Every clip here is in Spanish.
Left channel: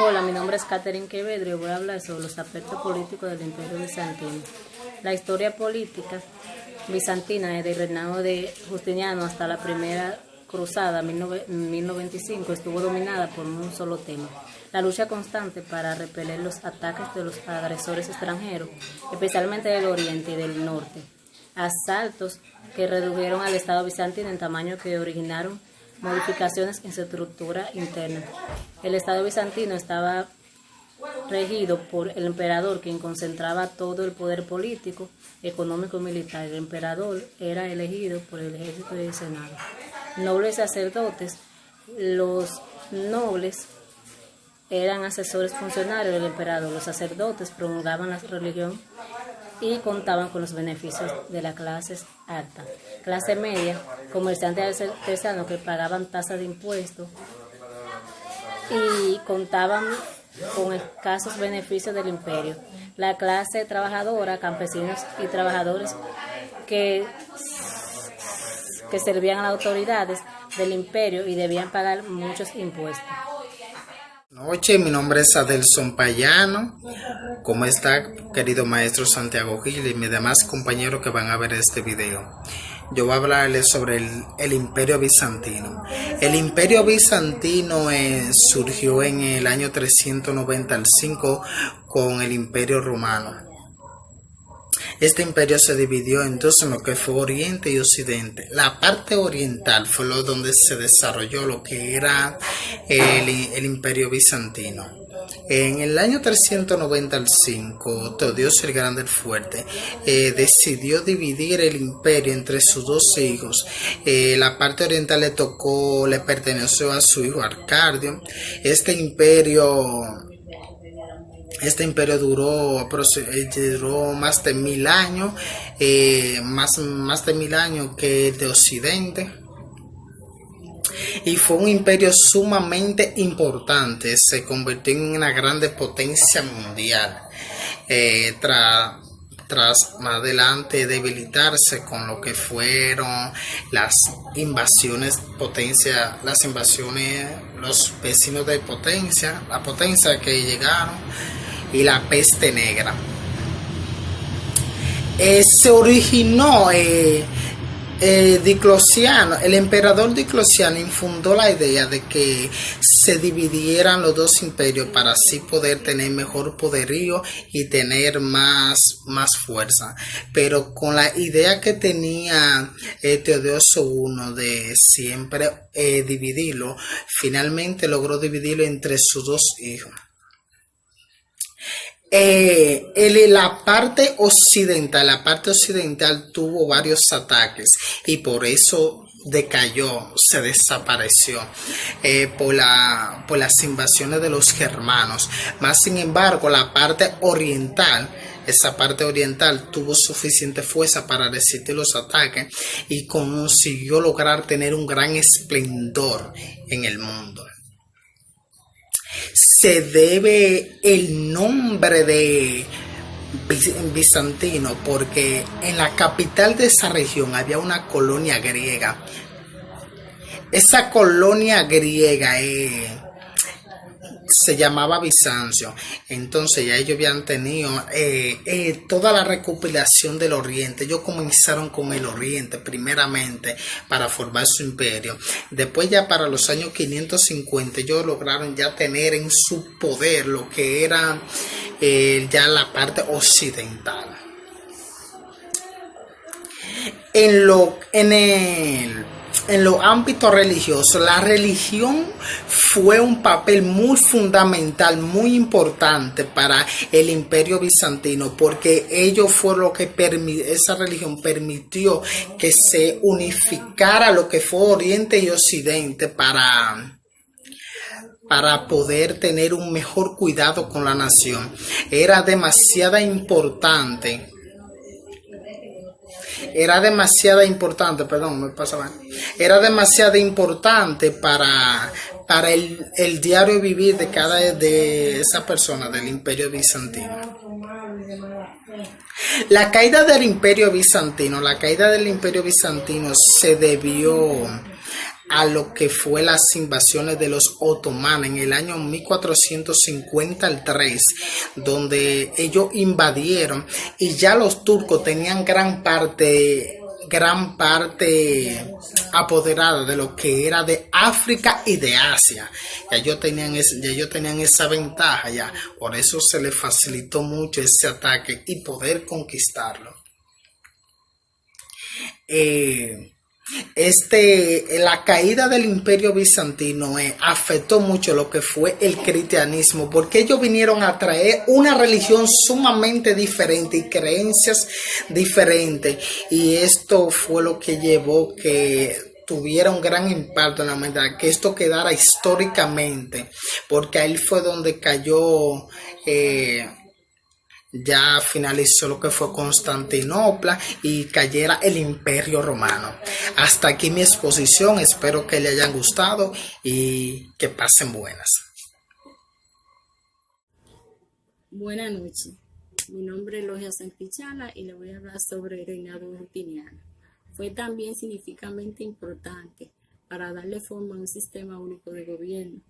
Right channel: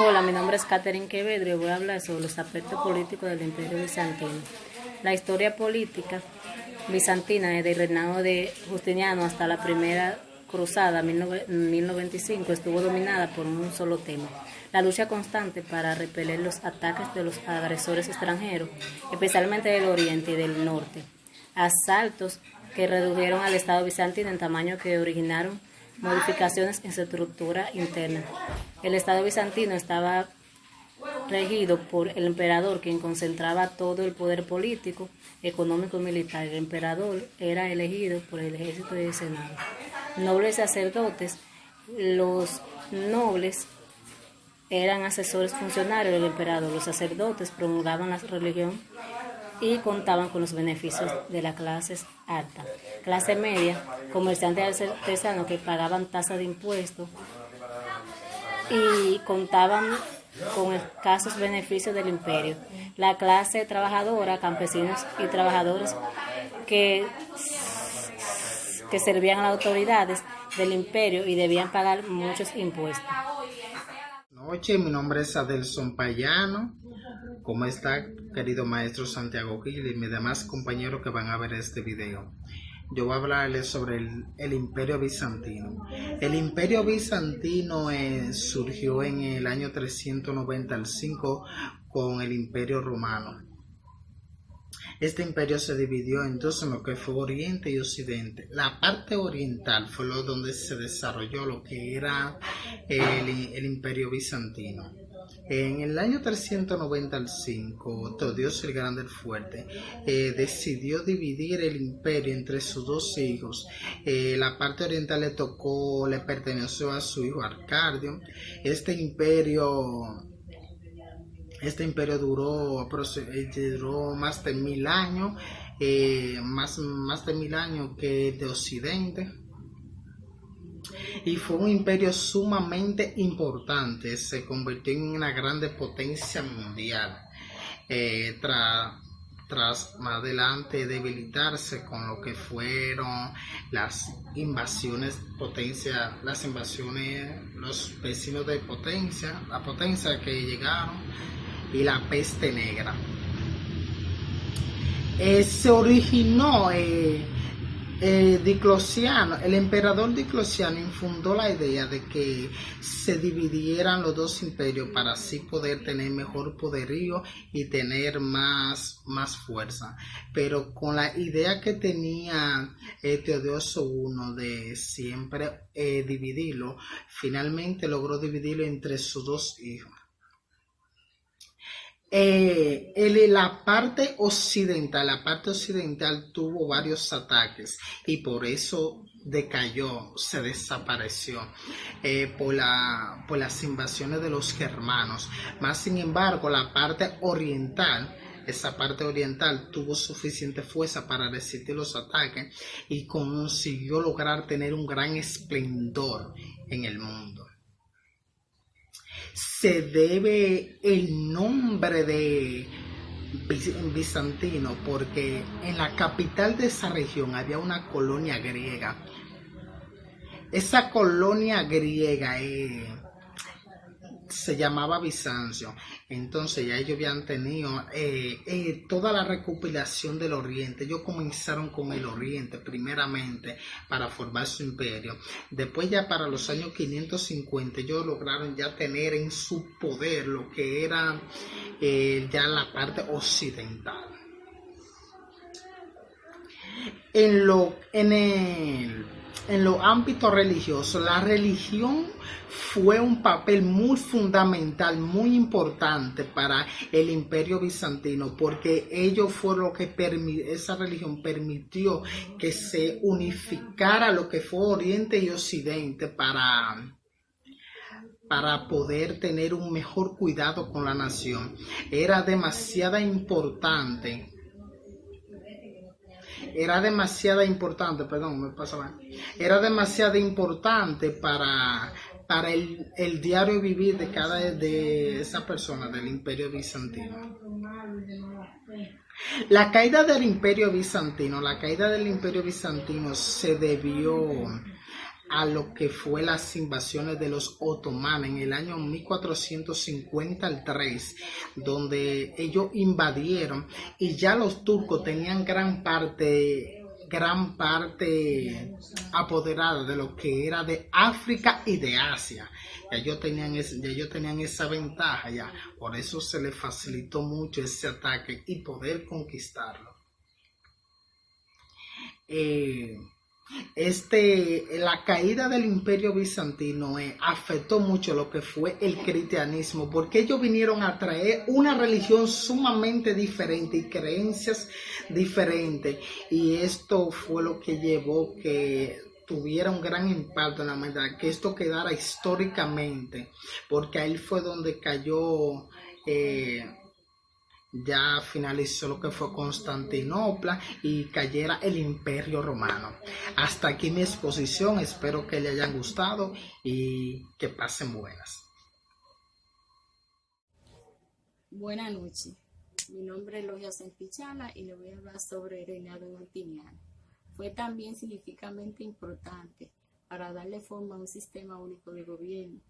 Hola, mi nombre es Catherine Quevedo y voy a hablar sobre los aspectos políticos del Imperio Bizantino. La historia política bizantina desde el reinado de Justiniano hasta la Primera Cruzada 1095 estuvo dominada por un solo tema: la lucha constante para repeler los ataques de los agresores extranjeros, especialmente del oriente y del norte. Asaltos que redujeron al Estado bizantino en tamaño que originaron modificaciones en su estructura interna. El Estado bizantino estaba regido por el emperador, quien concentraba todo el poder político, económico y militar. El emperador era elegido por el ejército y el senado. Nobles y sacerdotes. Los nobles eran asesores funcionarios del emperador. Los sacerdotes promulgaban la religión y contaban con los beneficios de las clases altas. Clase media, comerciantes artesanos que pagaban tasas de impuestos y contaban con escasos beneficios del imperio. La clase trabajadora, campesinos y trabajadores que servían a las autoridades del imperio y debían pagar muchos impuestos. Noche, mi nombre es Adelson Payano. ¿Cómo está, querido maestro Santiago Gil y mis demás compañeros que van a ver este video? Yo voy a hablarles sobre el Imperio Bizantino. El Imperio Bizantino surgió en el año 395 con el Imperio Romano. Este imperio se dividió entonces en lo que fue Oriente y Occidente. La parte oriental fue donde se desarrolló lo que era el Imperio Bizantino. En el año 395, Teodosio el Grande el Fuerte decidió dividir el imperio entre sus dos hijos. La parte oriental le perteneció a su hijo Arcadio. Este imperio duró más de 1000 años, más de 1000 años que el de Occidente. Y fue un imperio sumamente importante, se convirtió en una grande potencia mundial. Tras más adelante debilitarse con lo que fueron las invasiones, los vecinos de la potencia que llegaron, y la peste negra. Se originó Diocleciano, el emperador Diocleciano infundó la idea de que se dividieran los dos imperios para así poder tener mejor poderío y tener más fuerza. Pero con la idea que tenía Teodosio I de siempre dividirlo, finalmente logró dividirlo entre sus dos hijos. La parte occidental tuvo varios ataques y por eso decayó, se desapareció por las invasiones de los germanos. Más sin embargo, esa parte oriental tuvo suficiente fuerza para resistir los ataques y consiguió lograr tener un gran esplendor en el mundo. Se debe el nombre de bizantino porque en la capital de esa región había una colonia griega. Esa colonia griega se llamaba Bizancio. Entonces ya ellos habían tenido toda la recopilación del oriente. Ellos comenzaron con el oriente primeramente para formar su imperio. Después ya para los años 550 ellos lograron ya tener en su poder lo que era ya la parte occidental. En los ámbitos religiosos, la religión fue un papel muy fundamental, muy importante para el Imperio Bizantino, porque esa religión permitió que se unificara lo que fue Oriente y Occidente para poder tener un mejor cuidado con la nación. Era demasiado importante para el diario vivir de esa persona del Imperio Bizantino. La caída del Imperio Bizantino se debió a lo que fue las invasiones de los otomanos en el año 1453, donde ellos invadieron y ya los turcos tenían gran parte apoderada de lo que era de África y de Asia. Ya ellos tenían esa ventaja ya, por eso se les facilitó mucho ese ataque y poder conquistarlo. La caída del Imperio Bizantino afectó mucho lo que fue el cristianismo, porque ellos vinieron a traer una religión sumamente diferente y creencias diferentes, y esto fue lo que llevó que tuviera un gran impacto en la humanidad, que esto quedara históricamente, porque ahí fue donde cayó ya finalizó lo que fue Constantinopla y cayera el Imperio Romano. Hasta aquí mi exposición, espero que le hayan gustado y que pasen buenas. Buenas noches, mi nombre es Logia Santillana y le voy a hablar sobre el reinado Justiniano. Fue también significativamente importante para darle forma a un sistema único de gobierno.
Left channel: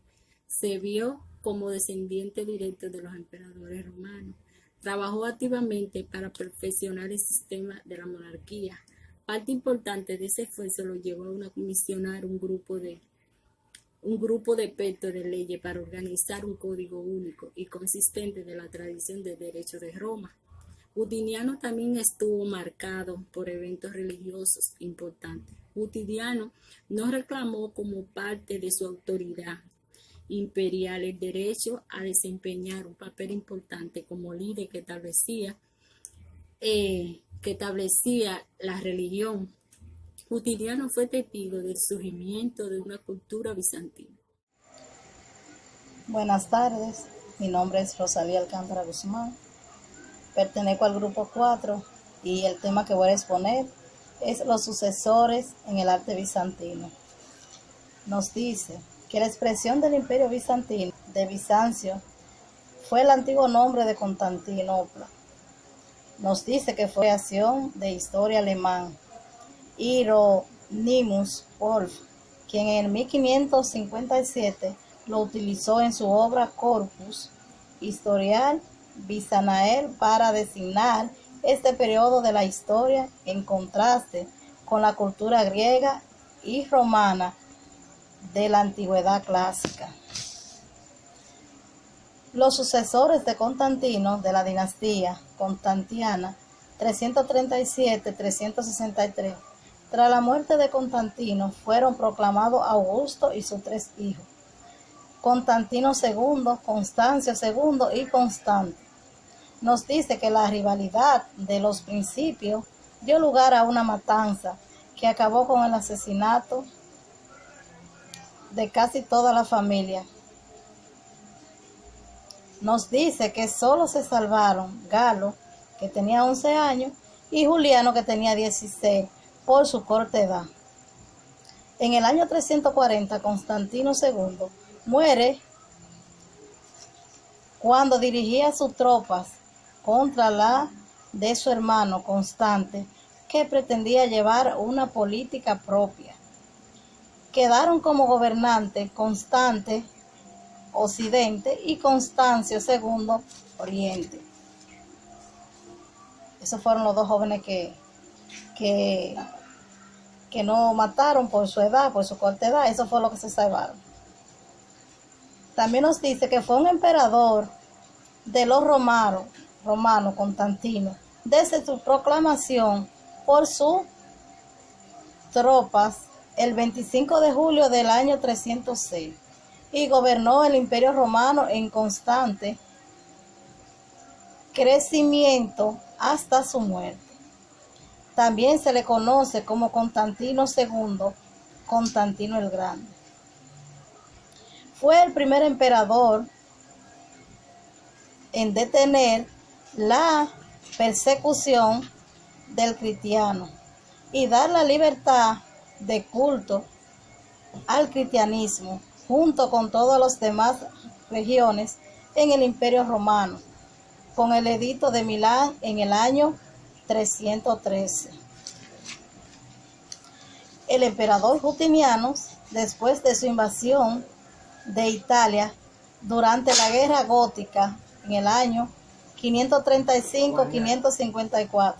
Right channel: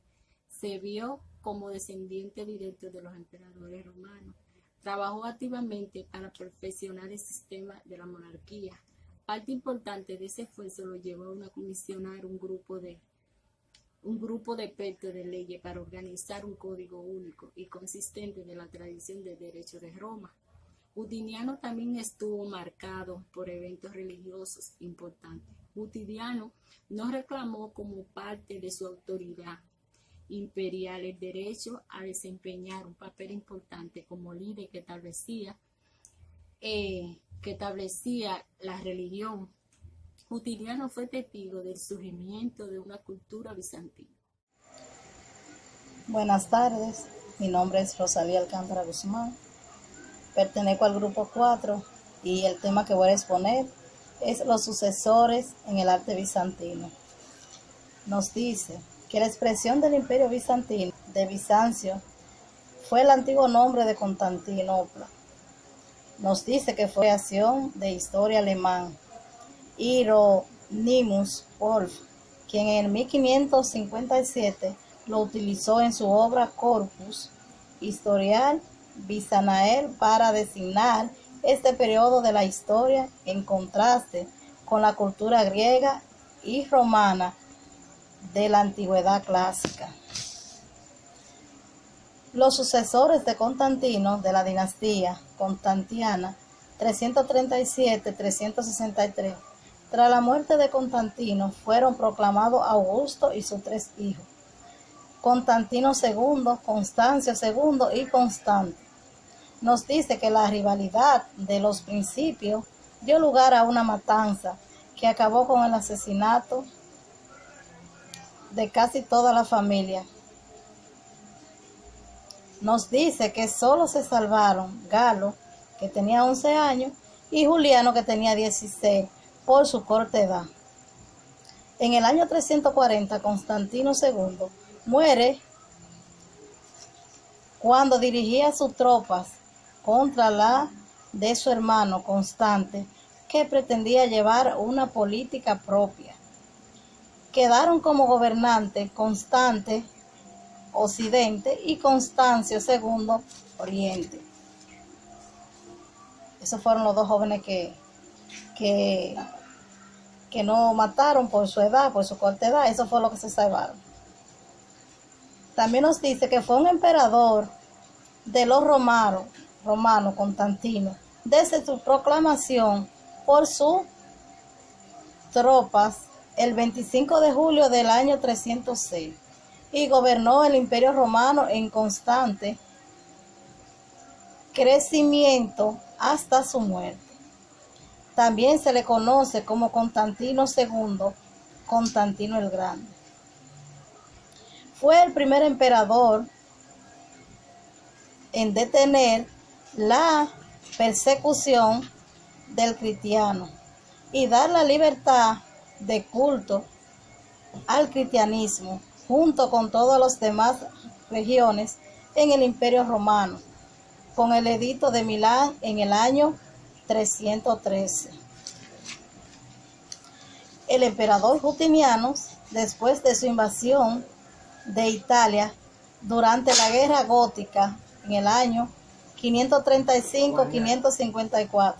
Se vio como descendiente directo de los emperadores romanos. Trabajó activamente para perfeccionar el sistema de la monarquía. Parte importante de ese esfuerzo lo llevó a comisionar un grupo de expertos de leyes para organizar un código único y consistente de la tradición del derecho de Roma. Justiniano también estuvo marcado por eventos religiosos importantes. Justiniano no reclamó como parte de su autoridad imperial el derecho a desempeñar un papel importante como líder que establecía la religión. Justiniano fue testigo del surgimiento de una cultura bizantina. Buenas tardes, mi nombre es Rosalía Alcántara Guzmán, pertenezco al grupo 4 y el tema que voy a exponer es los sucesores en el arte bizantino. Nos dice que la expresión del Imperio Bizantino de Bizancio fue el antiguo nombre de Constantinopla. Nos dice que fue creación de historia alemán Hieronymus Wolff, quien en 1557 lo utilizó en su obra Corpus Historiae Byzantinae para designar este periodo de la historia en contraste con la cultura griega y romana de la antigüedad clásica. Los sucesores de Constantino de la dinastía constantiana 337-363, tras la muerte de Constantino, fueron proclamados Augusto y sus 3 hijos, Constantino II, Constancio II y Constante. Nos dice que la rivalidad de los principios dio lugar a una matanza que acabó con el asesinato de casi toda la familia. Nos dice que solo se salvaron Galo, que tenía 11 años, y Juliano, que tenía 16, por su corta edad. En el año 340, Constantino II muere cuando dirigía sus tropas contra la de su hermano Constante, que pretendía llevar una política propia. Quedaron como gobernantes Constante, Occidente, y Constancio II, Oriente. Esos fueron los 2 jóvenes que no mataron por su edad, por su corta edad. Eso fue lo que se salvaron. También nos dice que fue un emperador de los romanos, Constantino, desde su proclamación por sus tropas el 25 de julio del año 306 y gobernó el Imperio Romano en constante crecimiento hasta su muerte. También se le conoce como Constantino II, Constantino el Grande. Fue el primer emperador en detener la persecución del cristiano y dar la libertad de culto al cristianismo junto con todas las demás regiones en el Imperio Romano, con el edicto de Milán en el año 313. El emperador Justiniano después de su invasión de Italia durante la Guerra Gótica en el año 535-554.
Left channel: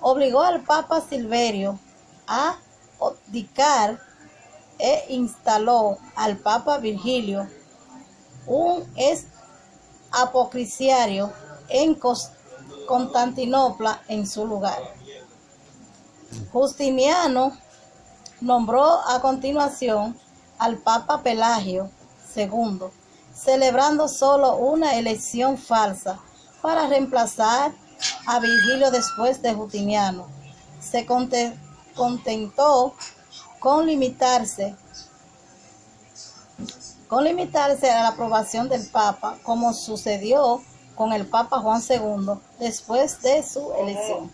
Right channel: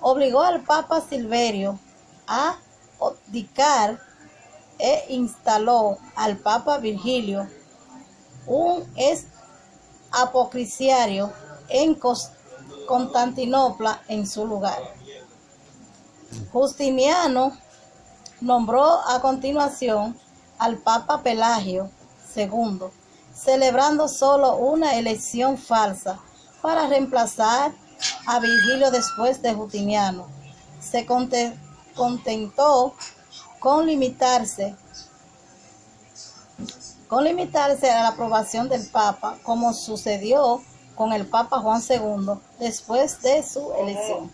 Obligó al Papa Silverio a abdicar e instaló al Papa Virgilio, un apocrisiario, en Constantinopla en su lugar. Justiniano nombró a continuación al Papa Pelagio II, celebrando solo una elección falsa para reemplazar a Virgilio después de Justiniano. Se contentó con limitarse a la aprobación del Papa, como sucedió con el Papa Juan II después de su elección.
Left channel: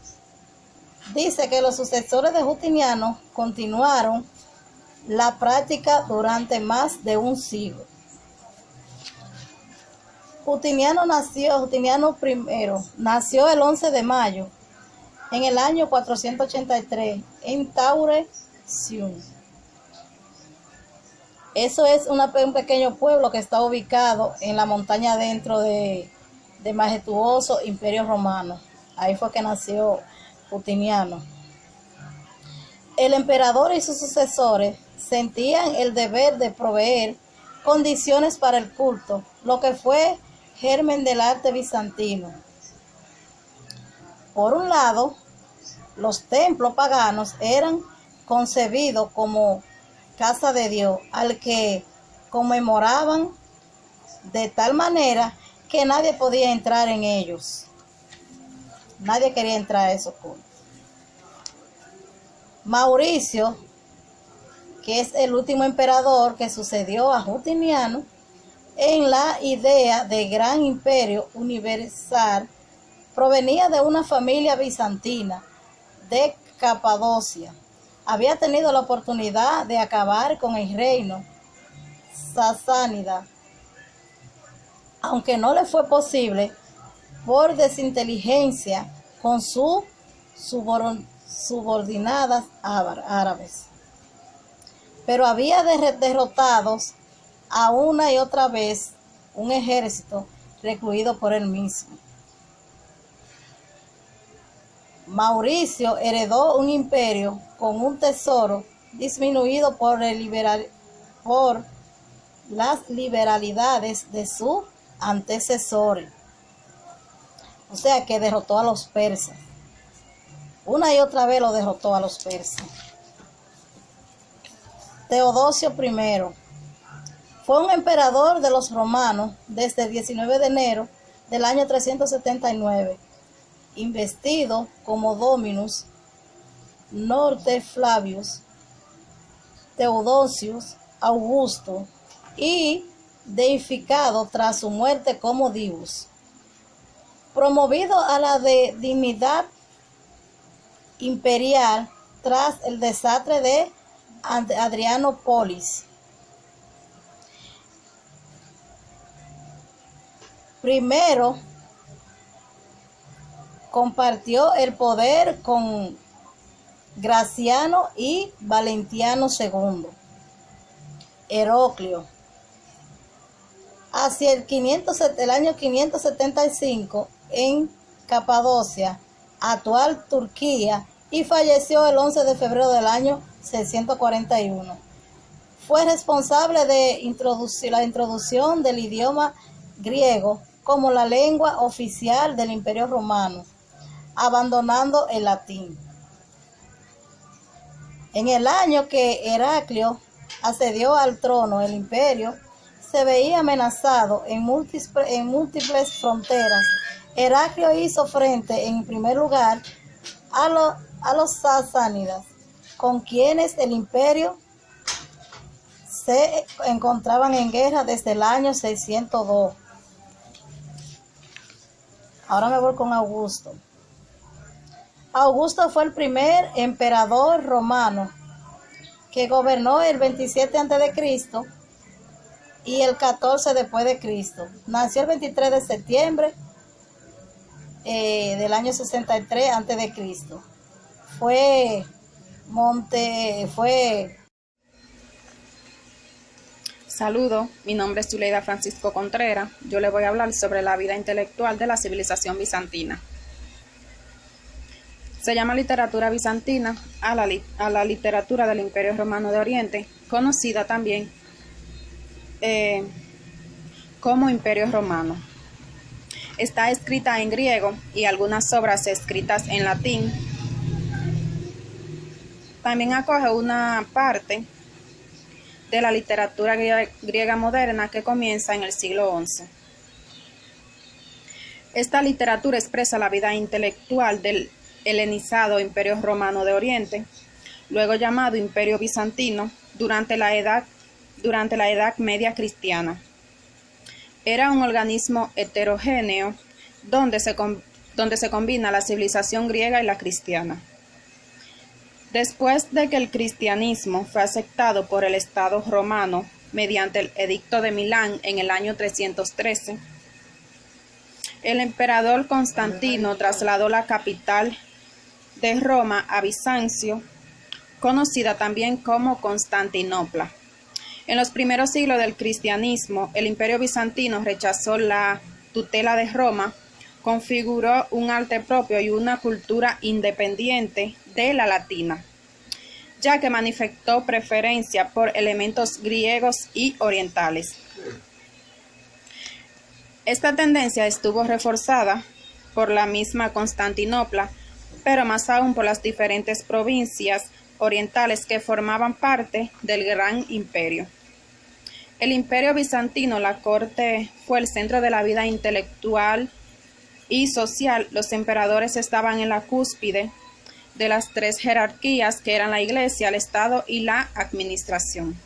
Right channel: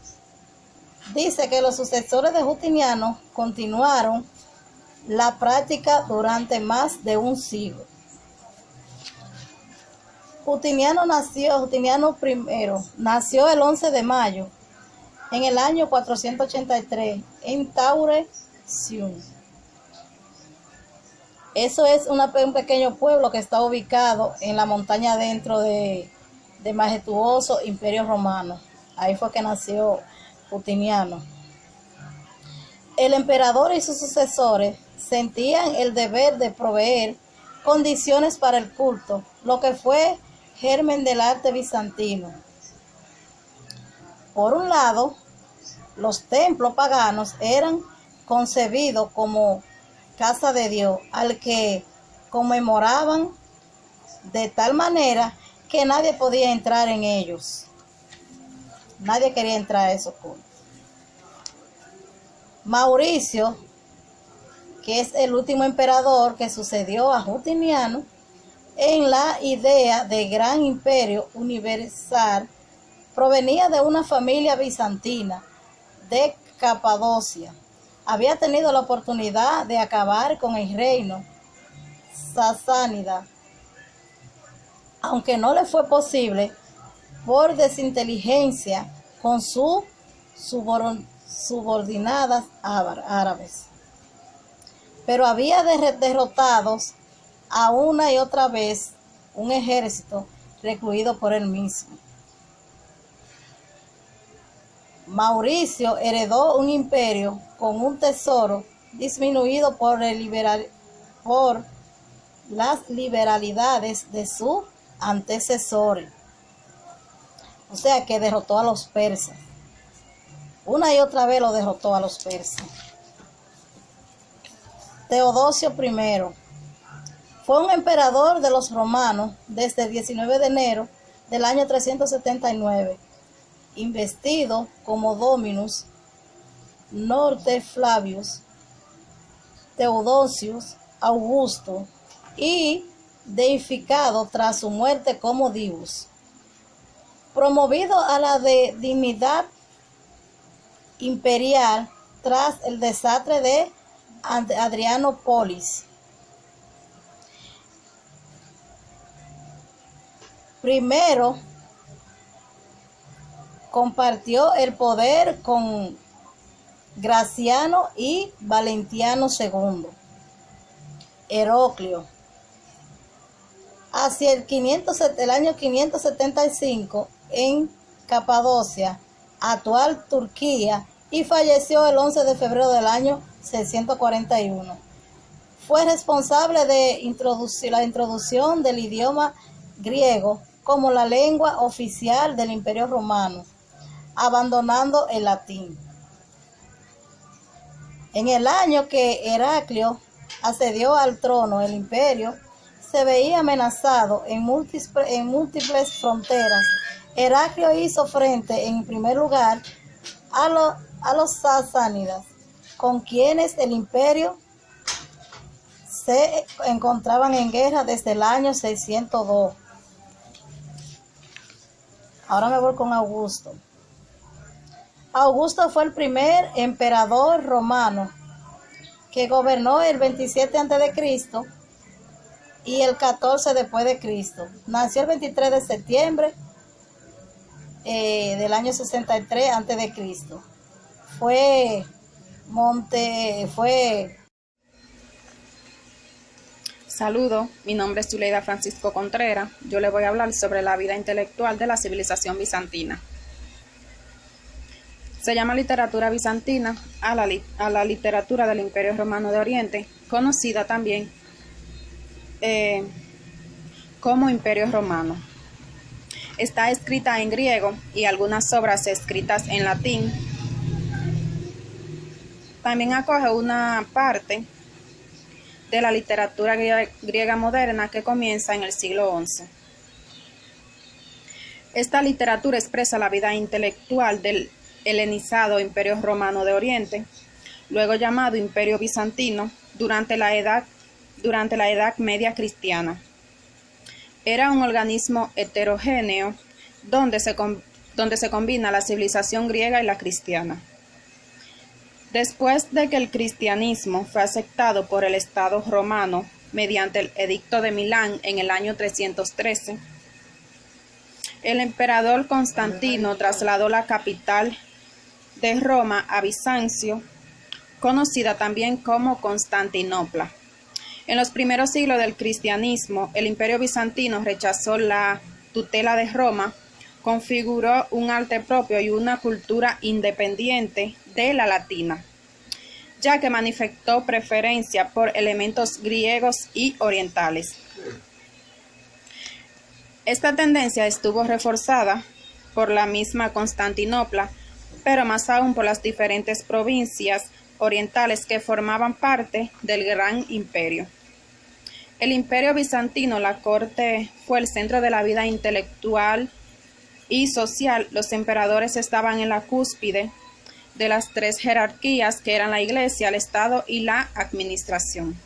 Dice que los sucesores de Justiniano continuaron la práctica durante más de un siglo. Justiniano I nació el 11 de mayo en el año 483 en Taure-Siun. Eso es un pequeño pueblo que está ubicado en la montaña dentro del majestuoso Imperio Romano. Ahí fue que nació Justiniano. El emperador y sus sucesores sentían el deber de proveer condiciones para el culto, lo que fue germen del arte bizantino. Por un lado, los templos paganos eran concebidos como casa de Dios, al que conmemoraban de tal manera que nadie podía entrar en ellos. Nadie quería entrar a esos cultos. Mauricio, que es el último emperador que sucedió a Justiniano, en la idea de gran imperio universal, provenía de una familia bizantina de Capadocia. Había tenido la oportunidad de acabar con el reino sasánida, aunque no le fue posible por desinteligencia con sus subordinadas árabes. Pero había derrotados a una y otra vez un ejército recluido por él mismo. Mauricio heredó un imperio con un tesoro disminuido por las liberalidades de sus antecesores. O sea que derrotó a los persas. Una y otra vez lo derrotó a los persas. Teodosio I fue un emperador de los romanos desde el 19 de enero del año 379, investido como Dominus Norte Flavius Theodosius Augusto y deificado tras su muerte como Divus. Promovido a la dignidad imperial tras el desastre de Adrianopolis. Primero compartió el poder con Graciano y Valentiano II. Heraclio. Hacia el año 575 en Capadocia, actual Turquía, y falleció el 11 de febrero del año 641. Fue responsable de la introducción del idioma griego como la lengua oficial del Imperio Romano, abandonando el latín. En el año que Heraclio accedió al trono, el imperio se veía amenazado en múltiples fronteras. Heraclio hizo frente, en primer lugar, a los sasánidas, con quienes el imperio se encontraban en guerra desde el año 602. Ahora me voy con Augusto. Augusto fue el primer emperador romano que gobernó el 27 a.C. y el 14 después de Cristo. Nació el 23 de septiembre del año 63 a.C. Saludo, mi nombre es Zuleida Francisco Contreras. Yo le voy a hablar sobre la vida intelectual de la civilización bizantina. Se llama literatura bizantina a la literatura del Imperio Romano de Oriente, conocida también como Imperio Romano. Está escrita en griego y algunas obras escritas en latín. También acoge una parte de la literatura griega moderna que comienza en el siglo XI. Esta literatura expresa la vida intelectual del helenizado Imperio Romano de Oriente, luego llamado Imperio Bizantino, durante la Edad Media cristiana. Era un organismo heterogéneo donde se combina la civilización griega y la cristiana. Después de que el cristianismo fue aceptado por el Estado romano mediante el Edicto de Milán en el año 313, el emperador Constantino trasladó la capital de Roma a Bizancio, conocida también como Constantinopla. En los primeros siglos del cristianismo, el Imperio bizantino rechazó la tutela de Roma, configuró un arte propio y una cultura independiente de la latina, ya que manifestó preferencia por elementos griegos y orientales. Esta tendencia estuvo reforzada por la misma Constantinopla, pero más aún por las diferentes provincias orientales que formaban parte del gran imperio. El Imperio bizantino, la corte, fue el centro de la vida intelectual y social. Los emperadores estaban en la cúspide de las tres jerarquías que eran la Iglesia, el Estado y la administración.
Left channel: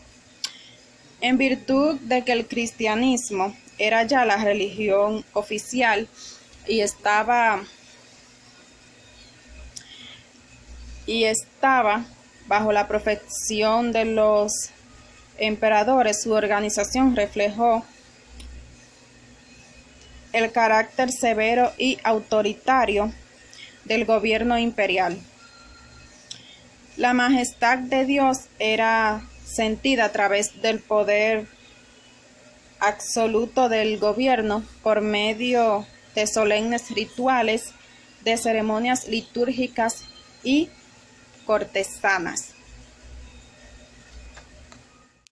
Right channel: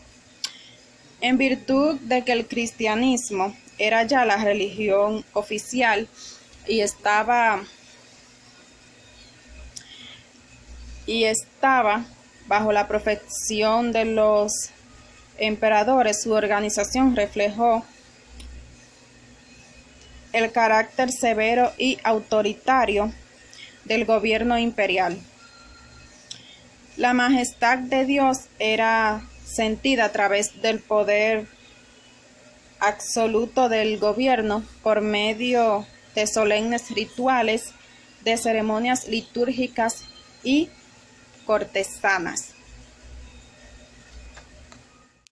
En virtud de que el cristianismo era ya la religión oficial y estaba bajo la protección de los emperadores, su organización reflejó el carácter severo y autoritario del gobierno imperial. La majestad de Dios era sentida a través del poder absoluto del gobierno por medio de solemnes rituales, de ceremonias litúrgicas y cortesanas.